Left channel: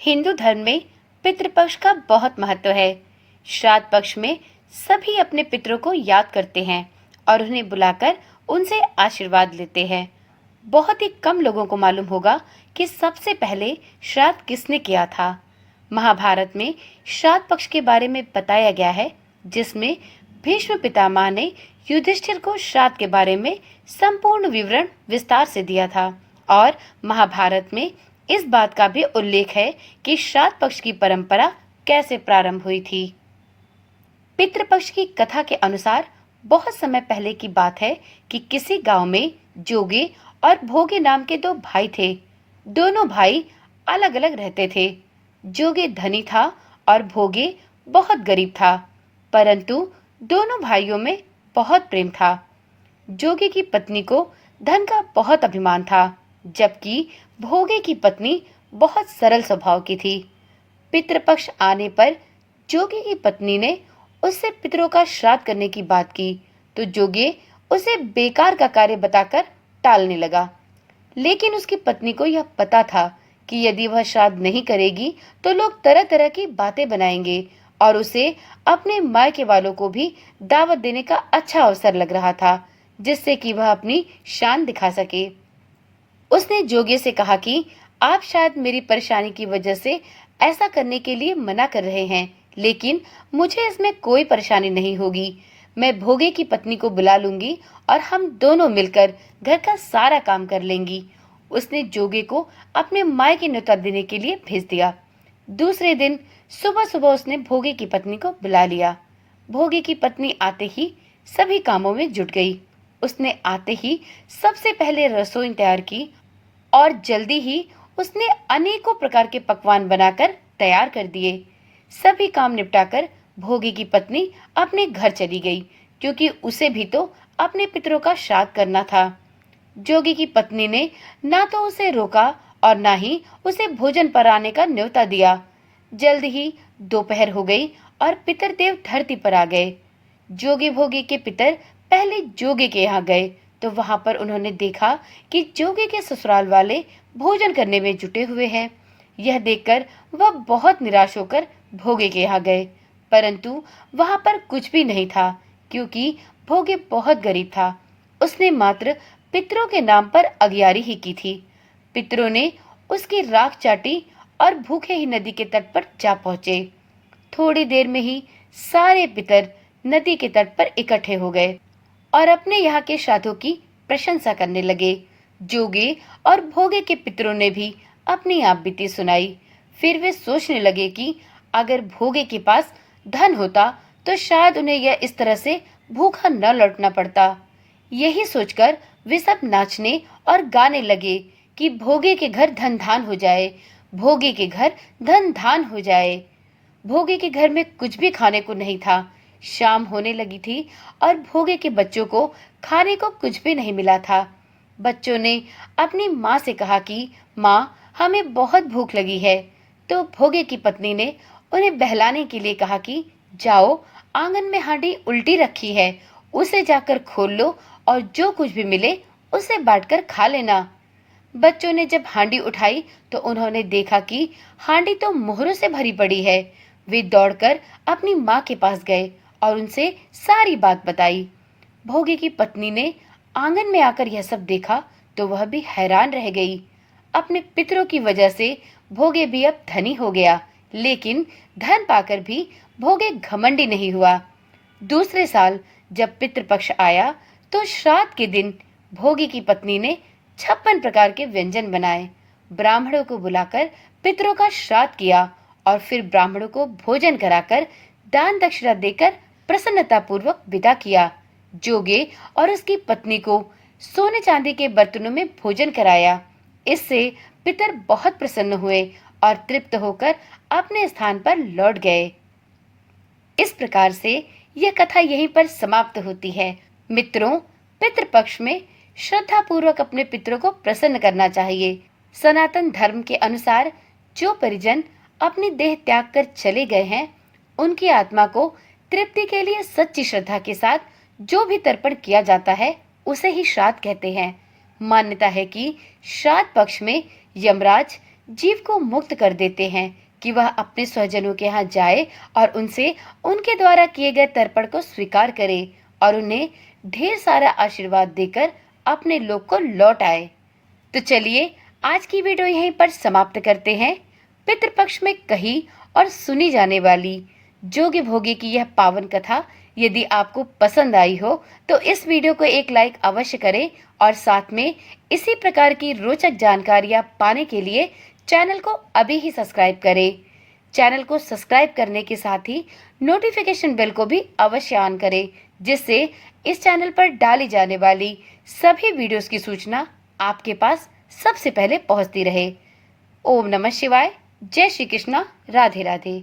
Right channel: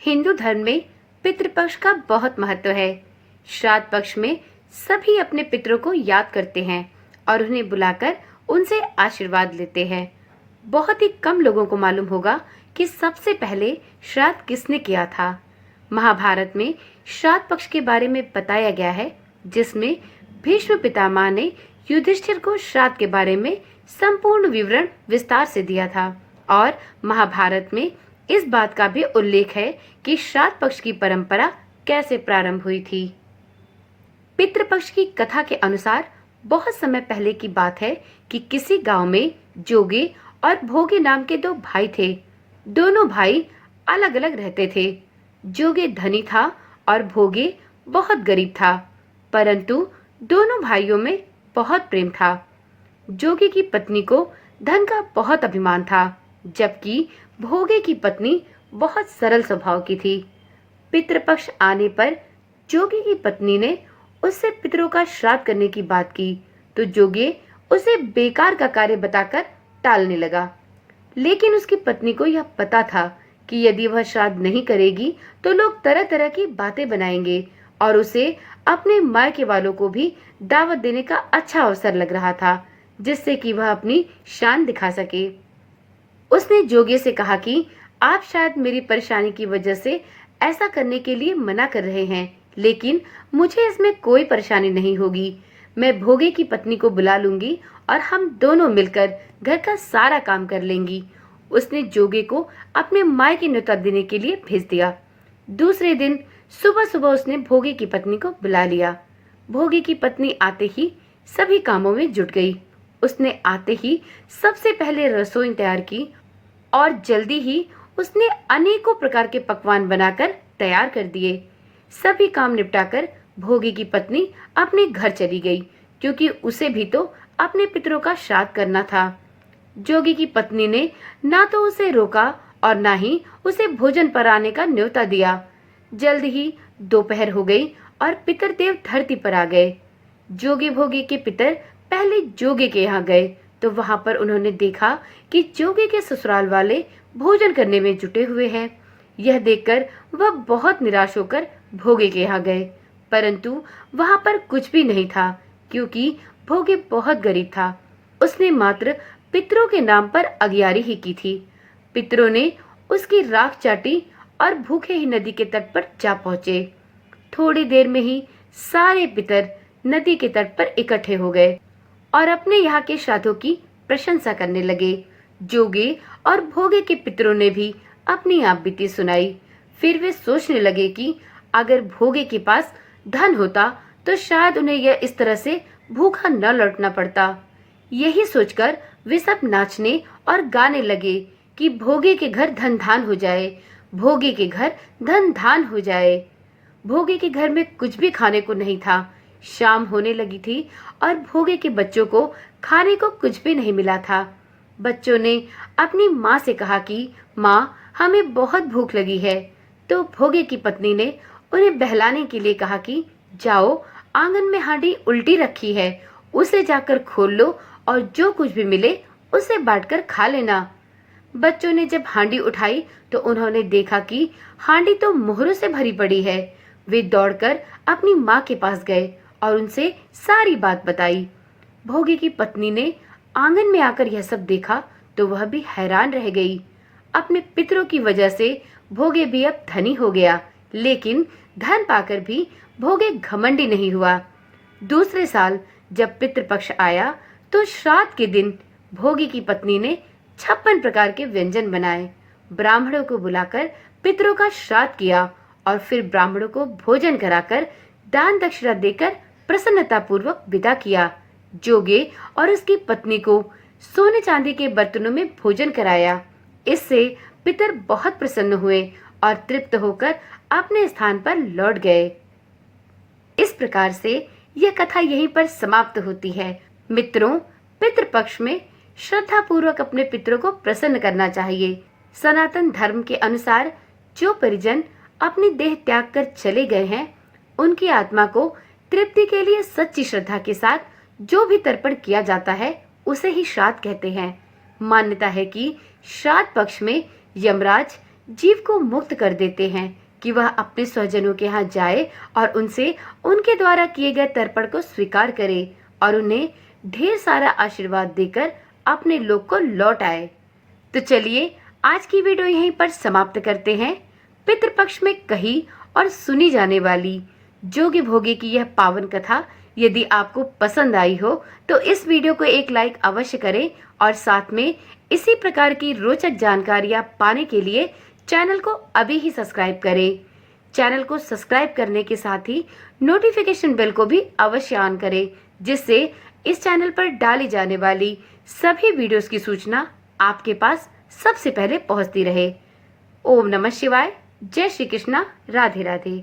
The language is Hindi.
हिंदू धर्म में पितृपक्ष का बहुत महत्व है। श्राद्ध पक्ष में सभी अपने पितरों को याद करते हैं और उन्हें बुलाकर उनसे आशीर्वाद लेते हैं। बहुत ही कम लोगों को मालूम होगा कि सबसे पहले श्राद्ध किसने किया था। महाभारत में श्राद्ध पक्ष के बारे में बताया गया है, जिसमें भीष्म पितामह ने युधिष्ठिर को श्राद्ध के बारे में संपूर्ण विवरण विस्तार से दिया था। और महाभारत में इस बात का भी उल्लेख है कि श्राद्ध पक्ष की परंपरा कैसे प्रारंभ हुई थी। पितृपक्ष की कथा के अनुसार बहुत समय पहले की बात है कि किसी गांव में जोगे और भोगे नाम के दो भाई थे। दोनों भाई अलग अलग रहते थे। जोगे धनी था और भोगे बहुत गरीब था, परंतु दोनों भाइयों में बहुत प्रेम था। जोगे की पत्नी को धन का बहुत अभिमान था, जबकि भोगे की पत्नी बहुत सरल स्वभाव की थी। पितृपक्ष आने पर जोगे की पत्नी ने उससे पितरों का श्राद्ध करने की बात की, तो जोगे उसे बेकार का कार्य बताकर टालने लगा। लेकिन उसकी पत्नी को यह पता था कि यदि वह श्राद्ध नहीं करेगी तो लोग तरह तरह की बातें बनाएंगे और उसे अपने मायके वालों को भी दावत देने का अच्छा अवसर लग रहा था, जिससे कि वह अपनी शान दिखा सके। उसने जोगे से कहा कि आप शायद मेरी परेशानी की वजह से ऐसा करने के लिए मना कर रहे हैं, लेकिन मुझे इसमें कोई परेशानी नहीं होगी। मैं भोगे की पत्नी को बुला लूंगी और हम दोनों मिलकर घर का सारा काम कर लेंगी। उसने जोगे को अपने मायके न्योता देने के लिए भेज दिया। दूसरे दिन सुबह सुबह उसने भोगे की पत्नी को बुला लिया। भोगे की पत्नी आते ही सभी कामों में जुट गई। उसने आते ही सबसे पहले रसोई तैयार की और जल्दी ही उसने अनेकों प्रकार के पकवान बनाकर तैयार कर दिए। सभी काम निपटाकर भोगे की पत्नी अपने घर चली गई, क्योंकि उसे भी तो अपने पितरों का श्राद्ध करना था। जोगी की पत्नी ने ना तो उसे रोका और ना ही उसे भोजन कराने का न्योता दिया। जल्द ही दोपहर हो गई और पितर देव धरती पर आ गए। जोगी भोगी के पितर पहले जोगे के यहाँ गए, तो वहां पर उन्होंने देखा कि जोगे के ससुराल वाले भोजन करने में जुटे हुए हैं। यह देखकर वह बहुत निराश होकर भोगे के यहाँ गए, परंतु वहां पर कुछ भी नहीं था, क्योंकि भोगे बहुत गरीब था। उसने मात्र पितरों के नाम पर अगियारी ही की थी। पितरों ने उसकी राख चाटी और भूखे ही नदी के तट पर जा पहुंचे। थोड़ी देर में ही सारे पितर नदी के तट पर इकट्ठे हो गए और अपने यहाँ के श्राद्धों की प्रशंसा करने लगे। जोगे और भोगे के पितरों ने भी अपनी आप बीती सुनाई। फिर वे सोचने लगे कि अगर भोगे के पास धन होता तो शायद उन्हें यह इस तरह से भूखा न लौटना पड़ता। यही सोचकर वे सब नाचने और गाने लगे कि भोगे के घर धन धान हो जाए, भोगे के घर धन धान हो जाए। भोगे के घर में कुछ भी खाने को नहीं था। शाम होने लगी थी और भोगे के बच्चों को खाने को कुछ भी नहीं मिला था। बच्चों ने अपनी माँ से कहा कि माँ, हमें बहुत भूख लगी है। तो भोगे की पत्नी ने उन्हें बहलाने के लिए कहा कि जाओ, आंगन में हांडी उल्टी रखी है, उसे जाकर खोल लो और जो कुछ भी मिले उसे बांटकर खा लेना। बच्चों ने जब हांडी उठाई तो उन्होंने देखा कि हांडी तो मोहरों से भरी पड़ी है। वे दौड़कर अपनी माँ के पास गए और उनसे सारी बात बताई। भोगे की पत्नी ने आंगन में आकर यह सब देखा तो वह भी हैरान रह गई। अपने पितरों की वजह से भोगे भी अब धनी हो गया, लेकिन धन पाकर भी भोगे घमंडी नहीं हुआ। दूसरे साल जब पितृपक्ष आया तो श्राद्ध के दिन भोगे की पत्नी ने 56 प्रकार के व्यंजन बनाए। ब्राह्मणों को बुलाकर पितरों का श्राद्ध किया और फिर ब्राह्मणों को भोजन कराकर दान दक्षिणा देकर प्रसन्नता पूर्वक विदा किया। जोगे और उसकी पत्नी को सोने चांदी के बर्तनों में भोजन कराया। इससे पितर बहुत प्रसन्न हुए और तृप्त होकर अपने स्थान पर लौट गए। इस प्रकार से यह कथा यहीं पर समाप्त होती है। मित्रों, पितृपक्ष में श्रद्धा पूर्वक अपने पितरों को प्रसन्न करना चाहिए। सनातन धर्म के अनुसार जो परिजन अपनी देह त्याग कर चले गए हैं, उनकी आत्मा को तृप्ति के लिए सच्ची श्रद्धा के साथ जो भी तर्पण किया जाता है उसे ही श्राद्ध कहते हैं। मान्यता है कि श्राद्ध पक्ष में यमराज जीव को मुक्त कर देते हैं कि वह अपने स्वजनों के यहाँ जाए और उनसे उनके द्वारा किए गए तर्पण को स्वीकार करे और उन्हें ढेर सारा आशीर्वाद देकर अपने लोक को लौट आए। तो चलिए आज की वीडियो यहीं पर समाप्त करते हैं। पितृपक्ष में कही और सुनी जाने वाली जोगी भोगी की यह पावन कथा यदि आपको पसंद आई हो तो इस वीडियो को एक लाइक अवश्य करें और साथ में इसी प्रकार की रोचक जानकारियां पाने के लिए चैनल को अभी ही सब्सक्राइब करें। चैनल को सब्सक्राइब करने के साथ ही नोटिफिकेशन बेल को भी अवश्य ऑन करें, जिससे इस चैनल पर डाली जाने वाली सभी वीडियोस की सूचना आपके पास सबसे पहले पहुंचती रहे। ओम नमः शिवाय। जय श्री कृष्णा। राधे राधे।